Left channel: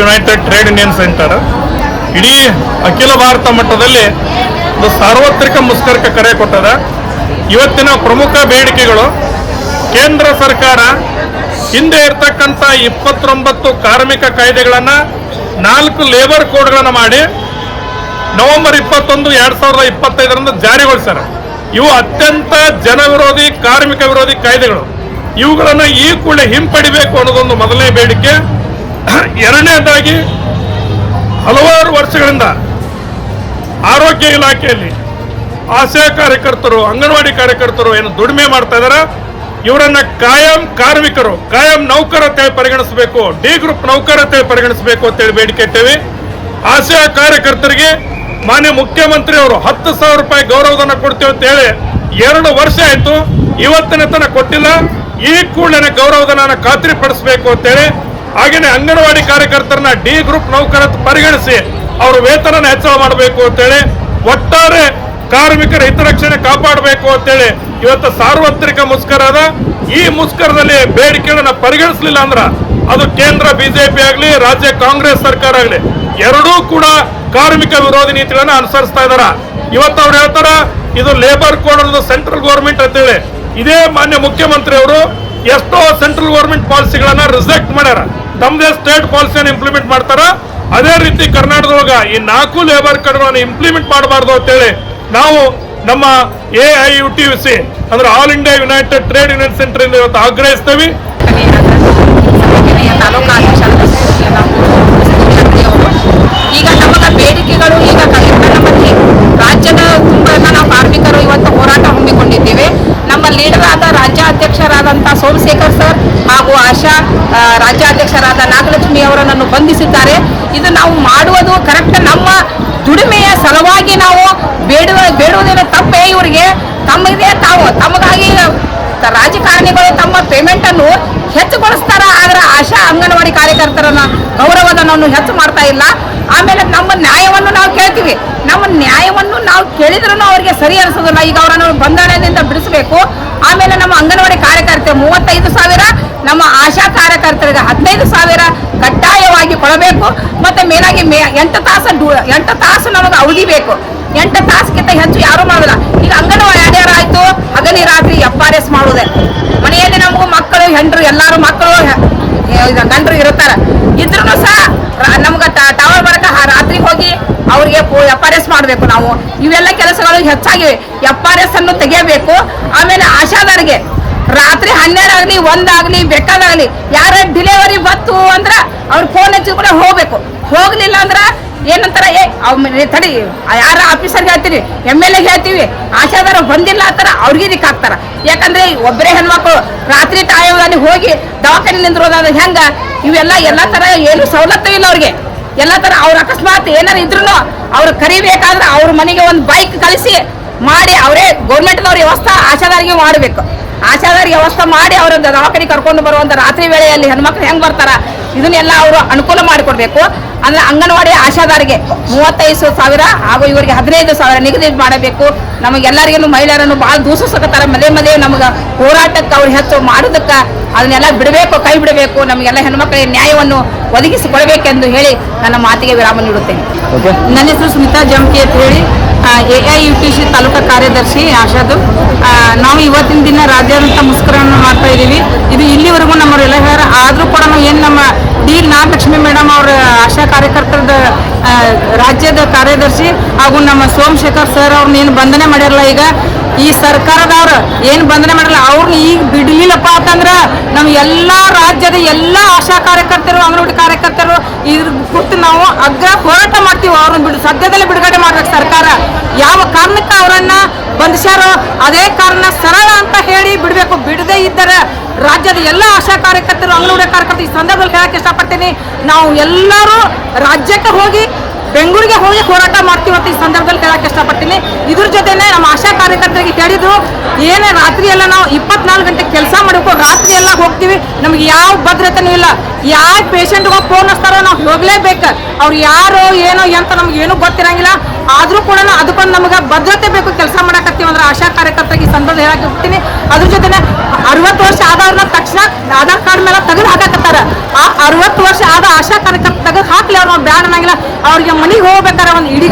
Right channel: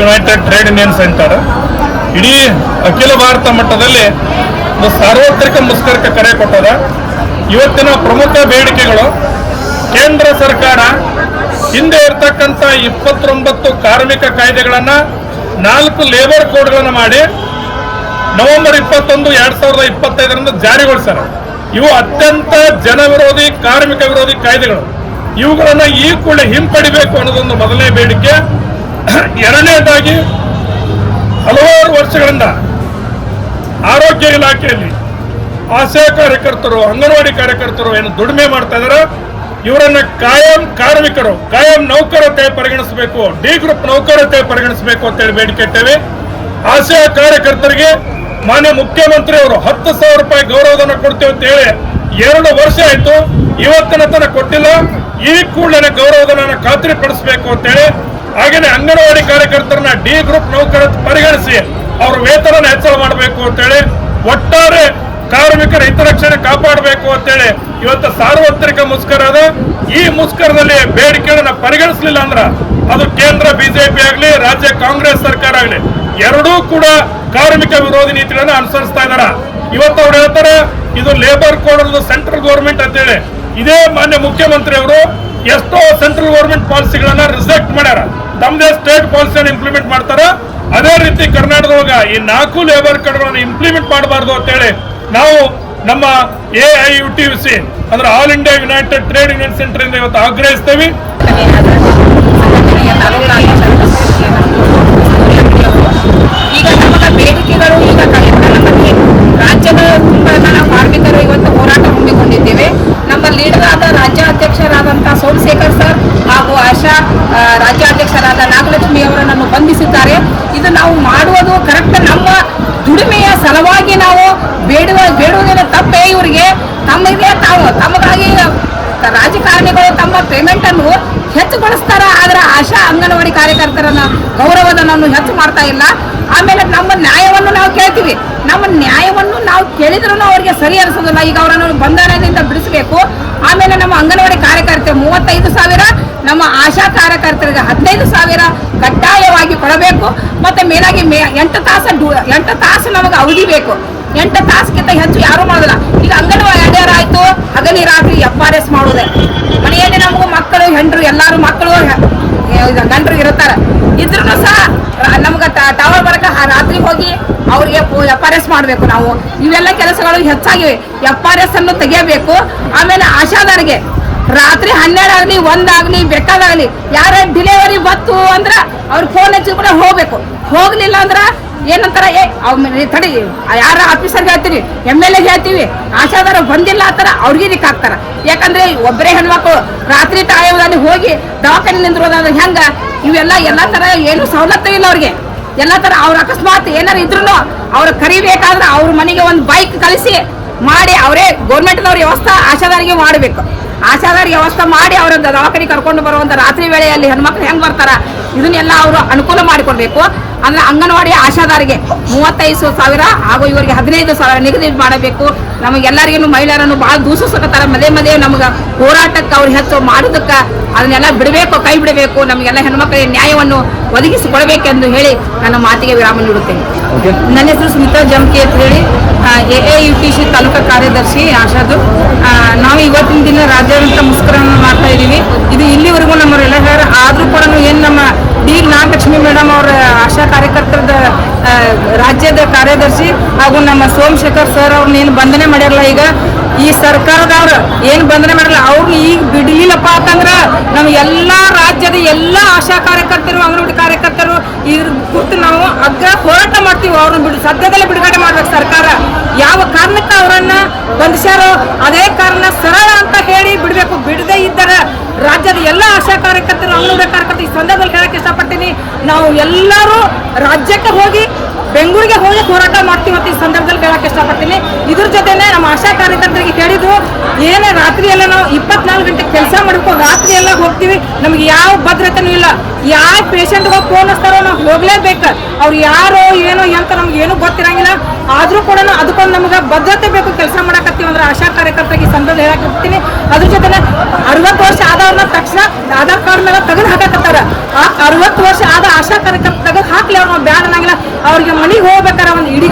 United trade union centre ಇಡೀ ಅಖಿಲ ಭಾರತ ಮಟ್ಟದಲ್ಲಿ ಒಂದು ಸಾರ್ವತ್ರಿಕ ಮುಷ್ಕರಕ್ಕೆ ಕರೆ ಕೊಟ್ಟದ. ಇವತ್ತಿನ ಪ್ರಮುಖ ಬೇಡಿಕೆಗಳು, ಕೇಂದ್ರ ಸರ್ಕಾರ ಹಿಂದೆ ಇರತಕ್ಕಂಥ 29 ಕಾರ್ಮಿಕ ಕಾಯ್ದೆಗಳನ್ನು 4 ಲೇಬರ್ ಕೋಡ್ಗಳನ್ನು ಮಾಡಿ ನವೆಂಬರ್ 21, 2025 ಜಾರಿಗೊಳಿಸ್ಯಾರ. ಇವು ಅತ್ಯಂತ ಜನವಿರೋಧಿ, ಕಾರ್ಮಿಕ ವಿರೋಧಿ ಕಾಯ್ದೆಗಳು. ಇವುಗಳನ್ನು ಈ ಕೂಡಲೇ ಹಿಂಪಡಿಬೇಕು ಅನ್ನೋದೊಂದು ಮೊದಲನೇ ಬೇಡಿಕೆ. ಎರಡನೇದಾಗಿ, ಹಲವಾರು ವರ್ಷಗಳಿಂದ ಆರೋಗ್ಯ ಇಲಾಖೆಯಲ್ಲಿ ಆಶಾ ಕಾರ್ಯಕರ್ತರು, ಅಂಗನವಾಡಿ ಕಾರ್ಯಕರ್ತರು ಏನು ದುಡಿಮೆ ಮಾಡ್ತಾ ಇದಾರೆ, ಇವರನ್ನ ಕಾಯಂ ಕಾರ್ಮಿಕರು, ಕಾಯಂ ನೌಕರ ಅಂತೇಳಿ ಪರಿಗಣಿಸಬೇಕು, ಡಿ ಗ್ರೂಪ್ ನೌಕರ ಅಂತೇಳಿ ಪರಿಗಣಿಸಬೇಕು ಅಂತೇಳಿ ಬೇಡಿಕೆ ಇಟ್ಟೇವೆ. ಆಶಾ ಕಾರ್ಯಕರ್ತರಿಗೆ ಮಾನ್ಯ ಮುಖ್ಯಮಂತ್ರಿ ಅವರು 10,000 ರೂಪಾಯಿ ಗೌರವಧನ ಕೊಡ್ತೇವೆ ಅಂತ ಹೇಳಿ 2 ವರ್ಷ ಆಯ್ತು, ಇವತ್ತಿನ ತನಕ ಕೊಟ್ಟಿಲ್ಲ. ಈ ಕೂಡಲೇ ಗೌರವಧನ ಖಾತ್ರಿಪಡಿಸಬೇಕು ಅಂತೇಳಿ, ಹಾಗೇನೆ ಅಂಗನವಾಡಿ ಕಾರ್ಯಕರ್ತರನ್ನ ಡಿ ಗ್ರೂಪ್ ನೌಕರ ಪರಿಗಣಿಸಿ ಅವ್ರ ವೇತನ ಹೆಚ್ಚಳ ಮಾಡಬೇಕು ಅಂತೇಳಿ, ಒಟ್ಟಾರೆ ಕಾರ್ಮಿಕರ ಹಿತರಕ್ಷಣೆ ಕಾಪಾಡಬೇಕು ಅಂತೇಳಿ ಇವತ್ತು ಸಾರ್ವತ್ರಿಕ ಮುಷ್ಕರ ಅದ. ಈ ಮುಷ್ಕರದಲ್ಲಿ ಬೇಡಿಕೆಗಳನ್ನ ಪರಿಗಣಿಸಲಿಲ್ಲ ಅಂದ್ರ ಅದು ಕೇಂದ್ರ ಬಿಜೆಪಿ ಆಗಲಿ, ರಾಜ್ಯ ಕಾಂಗ್ರೆಸ್ ಸರ್ಕಾರ ಆಗಲಿ, ಎರಡೂ ಕೂಡ ಕಾರ್ಮಿಕ ವಿರೋಧಿ ನೀತಿಗಳನ್ನ ಅನುಸರಿಸ್ತಾ ಇದಾರ. ಇವತ್ತು ಅವ್ರು ಹೇಳ್ತಾರ ಇದು ಲೇಬರ್ ಕೋಡ್ ಅನ್ನೋದು ಸೆಂಟ್ರಲ್ ಗೌರ್ಮೆಂಟ್ ಅಂತೇಳಿ. ಇದೇ ಮಾನ್ಯ ಮುಖ್ಯಮಂತ್ರಿ ಅವರು ಎಷ್ಟೋ ಸೆಂಟ್ರಲ್ ಗೌರ್ಮೆಂಟ್ ಪಾಲಿಸಿಗಳನ್ನ ರಿಜೆಕ್ಟ್ ಮಾಡ್ಯಾರ, ತಮ್ಮದೇ ಸ್ಟೇಟ್ ಪಾಲಿಸಿಯನ್ನು ಇಂಪ್ಲಿಮೆಂಟ್ ಮಾಡ್ತಾರ. ಅದೇ ರೀತಿ ಕರ್ನಾಟಕದೊಳಗ ಈ 4 ಲೇಬರ್ ಕೋಡ್ಗಳನ್ನು ಇಂಪ್ಲಿಮೆಂಟ್ ಮಾಡಬಾರ್ದು ಅಂತೇಳಿ ನಾವು ನಮ್ಮ AIUTUC ಅಂದ್ರೆ all India United trade union centre ಇಂದ ಇವತ್ತು ಆಗ್ರಹಿಸ್ತೇವೆ. ಈಗ ನಮಗ ಬೇಡಿಕೆಗಳು ಈಗ ನಮ್ಮಲ್ಲಿ ರಾಜ್ಯದ ತುಂಬ ನಾವು ಕಾರ್ಮಿಕರು ಇವತ್ತು ಹೋರಾಟ ಹಮ್ಮಿಕೊಂಡಿದ್ದೇವೆ. ನಮ್ಮ ಲೀಡರ್ ಆದ ರಾಜ್ಯಾಧ್ಯಕ್ಷರಾದಂತಹ ಸೋಮಶೇಖರ್ ಸರ್ ಹಾಗೂ ಆಶಾ ರಾಜ್ಯಾಧ್ಯಕ್ಷರಾದ ನಾಗಲಕ್ಷ್ಮಿ ಅವರನ್ನು ಬಂಧಿಸಿದ್ದಾರೆ. ಇದು ನಾವು ಮಾಡುವುದು ಕರೆಕ್ಟ್, ನಮ್ಮ ದುಡಿಮೆಯ ಸಲುವಾಗಿ ನಾವು ಬೇಡುವುದೇನು ತಪ್ಪೇ. ಇವರಿಗೆ ತಮಗಾಗಿ ರಾಜಕಾರಣಿಗಳು ತಮ್ಮ ಪೇಮೆಂಟ್ ಅನ್ನು ಹೆಚ್ಚುಗೊಳಿಸ್ತಾರ, ಆದ್ರೆ ಆಶಾ ಅಂಗನವಾಡಿ ಕಾರ್ಯಕರ್ತರನ್ನ ಗೌರವಧನವನ್ನು ಹೆಚ್ಚು ಮಾಡ್ತಾ ಇಲ್ಲ. ಆಮೇಲೆ ನಮ್ಮ ನ್ಯಾಯವನ್ನು ನಾವು ಕೇಳ್ತೀವಿ, ನಮ್ಮ ನ್ಯಾಯವನ್ನು ನಾವು ಕೇಳಿದ್ರೂ ಅವರಿಗೆ ಸರಿ ಅನಿಸೋದಿಲ್ಲ. ಈಗ ಅವರನ್ನು ಬಂಧನದಿಂದ ಬಿಡಿಸಬೇಕು. ಆಮೇಲೆ ನಮ್ಮ ಅಂಗನವಾಡಿ ಕಾರ್ಯಕರ್ತೆ 35,000, ನಮ್ಮ ಆಶಾ ಕಾರ್ಯಕರ್ತರಿಗೆ 15,000 ಕಡ್ಡಾಯವಾಗಿ ಕೊಡಬೇಕು. ಮತ್ತೆ ಮೇಲಾಗಿ 8 ತಾಸು ನಮಗೆ ಅವಧಿ ಬೇಕು. 8 ತಾಸಿಗಿಂತ ಹೆಚ್ಚು ಯಾರು ಮಾಡೋದಿಲ್ಲ. ಈಗ ಅಂಗನವಾಡಿ ಆಯ್ತು, ಹಗಲಿ ರಾತ್ರಿ FRS ಮಾಡೋದೆ. ಮನೆಯಲ್ಲಿ ನಮಗೂ ಮಕ್ಕಳು, ಹೆಂಡ್ರು, ಎಲ್ಲಾರು ಮಕ್ಕಳು ಗಂಡರು ಇರುತ್ತಾರ. ಇದ್ರೂ ಸಹ ನಮ್ಗೆ ಟವರ್ ಬರಕ ರಾತ್ರಿ ಹೋಗಿ ಅವ್ರಿಗೆ FRS ಮಾಡಬೇಕು. ನಾವು ಇವೆಲ್ಲ ಕೆಲಸಗಳು ಹೆಚ್ಚಾಗಿವೆ. FRS ಅನ್ನು ತೆಗೆಯಬೇಕು. ಆಮೇಲೆ ಆಶಾದಾರಿಗೆ ರಾತ್ರಿ 12 ಆಗಲಿ 1 ಆಗಲಿ ಬೇಕಾದಾಗಲಿ ಯಾರ ಡಿಲಿವರಿ ಬತ್ತು ಅಂದ್ರೆ ಅವ್ರಿಗೆ ಫೋನ್ ಹಚ್ಚಿ ಕೂಡ ಹೋಗ್ಬೇಕು. ಹೋಗ್ಲಿಲ್ಲ ಅಂದ್ರೆ ಏನಂತಾರ, ತಡಿ ಯಾರ ಆಫೀಸರ್ಗೆ ಹೇಳ್ತೀವಿ, MLA ಹೇಳ್ತೀವಿ, ಆಶಾದಾರ ಬಂದಿಲ್ಲ ಅಂತಾರ ಅವ್ರಿಗೆ ಇದಕ್ಕೆ ಹಾಕ್ತಾರ. ಯಾಕಂದ್ರೆ ಒಬ್ಬರೇ ಹೆಣ್ಮಕ್ಳು ರಾತ್ರಿ ಟೈಮಲ್ಲಿ ಹೋಗಿ ದವಾಖಾನೆ ನಿಂದಿರೋದಾದ್ರೆ ಹೆಂಗ? ಎಲ್ಲ ತರ ಏನು ಸವಲತ್ತು ಇಲ್ಲ ಅವ್ರಿಗೆ. ಎಲ್ಲ ತರ ಅವ್ರ ಅಕಸ್ಮಾತ್ ಏನಾರು ಇದ್ರು ಅವ್ರು ಕರಿಬೇಕಾದ್ರೆ ಅವ್ರ ಮನೆಗೆ ಒಂದು ಬೈಕ್ ಕಳಿಸಿ ಮಾಡಿ ಅವರೇ ಗೌರ್ಮೆಂಟ್ನವ್ರ ವ್ಯವಸ್ಥೆ ಆಶಾದಾರಿಗೆ ಮಾಡಬೇಕು. ಆಶಾದಾರಿ ವ್ಯವಸ್ಥೆ ಮಾಡಿ ಅವ್ರ ದವಾಖಾನೆ ಕರ್ಕೊಂಡು ಬರುವಂತ ರಾತ್ರಿ ವೇಳೆಯಲ್ಲಿ ಹೆಣ್ಮಕ್ಳು ಹೆಂಗ್ ಬರ್ತಾರ, ಇದನ್ನೆಲ್ಲ ಅವರು ಅನುಕೂಲ ಮಾಡಿಕೊಡ್ಬೇಕು. ಅಂದ್ರೆ ಅಂಗನವಾಡಿ ಆಶಾದಾರಿಗೆ 35,000 ಹಾಗೂ ಇವರಿಗೆ 15,000 ನಿಗದಿ ಮಾಡಬೇಕು. ನಮಗೆಲ್ಲರಿಗೂ ಮಹಿಳೆಯರನ್ನು ಭಾಳ ದೂಷಿಸಕತ್ತಾರ. ಮದೇ ನಮಗೆ ಹೋರಾಟಕ್ಕೆ ಅವ್ರು ಹೆಚ್ಚು ಮಾಡೋದಕ್ಕೆ ಅದನ್ನೆಲ್ಲ ಬಿಡಬೇಕು, ಕೈ ಬಿಡಬೇಕು. ನಮಗೆಲ್ಲ ಹೆಣ್ಮಕ್ಳಿಗೆ ನ್ಯಾಯವನ್ನು ಒದಗಿಸಿಕೊಡಬೇಕೆಂದು ಹೇಳಿ ನನ್ನ ಮಾತಿಗೆ ವಿರಾಮ ನೀಡುತ್ತೇನೆ. ನನ್ನ ಹೆಸರು ಸ್ಮಿತಾ ಜಮ್ಕಿ ಅಂತ ಹೇಳಿ AIUTC ತಾಲೂಕಾ ಕಾರ್ಯದರ್ಶಿ ಆಶಾದು. ನಾವು ಇವತ್ತಿನ ದಿನ ರಾಜ್ಯಾದ್ಯಂತ ಮುಷ್ಕರವನ್ನು ಮಾಡ್ತಾ ಇದ್ದೀವಿ. ಇದು ಇಲ್ಲಿವರೆಗೂ ನಮ್ಮವರೆಲ್ಲ ಆದರೂ ಕೂಡ ಏನು ನಮ್ಮ ಡಿ ನಾಗಲಕ್ಷ್ಮಿ ಮೇಡಮ್ ಅವರ ಆಶಾ ಕಾರ್ಯಕರ್ತರದ ರಾಜ್ಯದ ಕಾರ್ಯದರ್ಶಿ ಹಾಗೂ ನಮ್ಮ ಸೋಮಶೇಖರ್ ಸರ್ ಅವ್ರನ್ನ ಏನು ಬಂಧನೆ ಮಾಡಿರಲ್ಲ, ಈಗ ಈ ಸರ್ಕಾರದವ್ರು ಏನು ಬಂಧನೆ ಮಾಡಿರಲ್ಲ, ಅವ್ರನ್ನ ಈಗ ಬಿಡಲಿಲ್ಲಪ್ಪ ಅಂತಂದ್ರೆ ನಮ್ಮ ಎಲ್ಲ ರಾಜ್ಯದ ಎಲ್ಲ ಆಶಾ ಕಾರ್ಯಕರ್ತರು, ಅಂಗನವಾಡಿ ಕಾರ್ಯಕರ್ತರು ಇದ್ರ ಕುರಿತು ನಾವು ಅಗ್ರ ಹೋರಾಟ ಮಾಡ್ತೀವಿ. ಅವ್ರನ್ನ ಸದ್ಯದಲ್ಲೇ ಬಿಡುಗಡೆ ಮಾಡ್ಬೇಕು. ಸರ್ಕಾರ ಯಾವ ಕಾರಣಕ್ಕೆ ಅವರನ್ನ ಬಂಧಿಸ್ಯಾರೋ ಅದೇ ಕಾರಣ ಸರಳ ಅಂತ ಹೇಳಿ ಬಿಡಬೇಕು. ಬಿಡದೇ ಇದ್ದರೆ ರಾಜ್ಯದ ಎಲ್ಲ ಆಶಾ ಕಾರ್ಯಕರ್ತರು, ಅಂಗನವಾಡಿ ಕಾರ್ಯಕರ್ತರು ಈ ಸಂದರ್ಭದಲ್ಲಿ ಹೇಳಕ್ಕೆ ಇಷ್ಟಪಡ್ತೀನಿ, ನಾವು ಎಲ್ಲರೂ ರಾಜ್ಯಕ್ಕೆ ಹೋಗಿ ಬೆಂಗಳೂರಿಗೆ ಹೋಗಿ ಹೋರಾಟ ಮಾಡ್ತೀವಿ ಅಂತ ಈ ಸಂದರ್ಭದಲ್ಲಿ ಹೇಳಕ್ಕೆ ಇಷ್ಟಪಡ್ತೀನಿ. ಇದ್ರ ಜೊತೆನೆ ನಮ್ಮ ಆಶಾ ಕಾರ್ಯಕರ್ತರಿಗೆ ಹೇಳಿದ್ರು, ಏನೇ ರಾತ್ರಿ ಎಲ್ಲ ನಾವು 24 ಗಂಟೆ ಕೆಲಸ ಮಾಡಬೇಕು, ರಾತ್ರಿ ಎಲ್ಲ ಹೋಗ್ತೀವಿ, ನಮ್ಗೆ ಯಾವ ಭದ್ರತೆನೂ ಇಲ್ಲ. ಯಾವ ಪೇಷಂಟ್ಗೆ ಫೋನ್ ಹಚ್ತಾರೋ ನಾವು ಹೋಗ್ಲೇಬೇಕು. ಅವ್ರು ಯಾರೋ ಏನೋ ಅಂತ ನಮ್ಗೆ ಏನೂ ಗೊತ್ತಿರಂಗಿಲ್ಲ. ಆದರೂ ಕೂಡ ಅದಕ್ಕೊಂದು ನಮಗೆ ಭದ್ರತೆ ಬೇಕು. ಕೆಲಸ ಮಾಡಕತ್ತೀವಿ ಅಂದ್ರೆ ಆಶಾ ಕಾರ್ಯಕರ್ತರಿಗೆ ಈ ಸಂದರ್ಭದಲ್ಲಿ ಹೇಳಕ್ಕೆ ಹೋಗ್ತೀನಿ. ಅದ್ರ ಜೊತೆ 60 ವರ್ಷ ಆದವ್ರನ್ನ ತಕ್ಷಣ ಆಧಾರ್ ಕಾರ್ಡ್ ಮೇಲೆ ತೆಗೆದು ಹಾಕಕತ್ತಾರ. ಆ 60 ವರ್ಷ ಆದ ಆಶಾ ಕಾರ್ಯಕರ್ತ ತೆಗೆದು ಹಾಕ್ಲಿ, ಅವ್ರ ಬ್ಯಾನ್ ಅನ್ನಂಗಿಲ್ಲ. ಅವ್ರಿಗೆ ಮನೆಗೆ ಹೋಗ್ಬೇಕಾರ ಒಂದು ಇಡೀ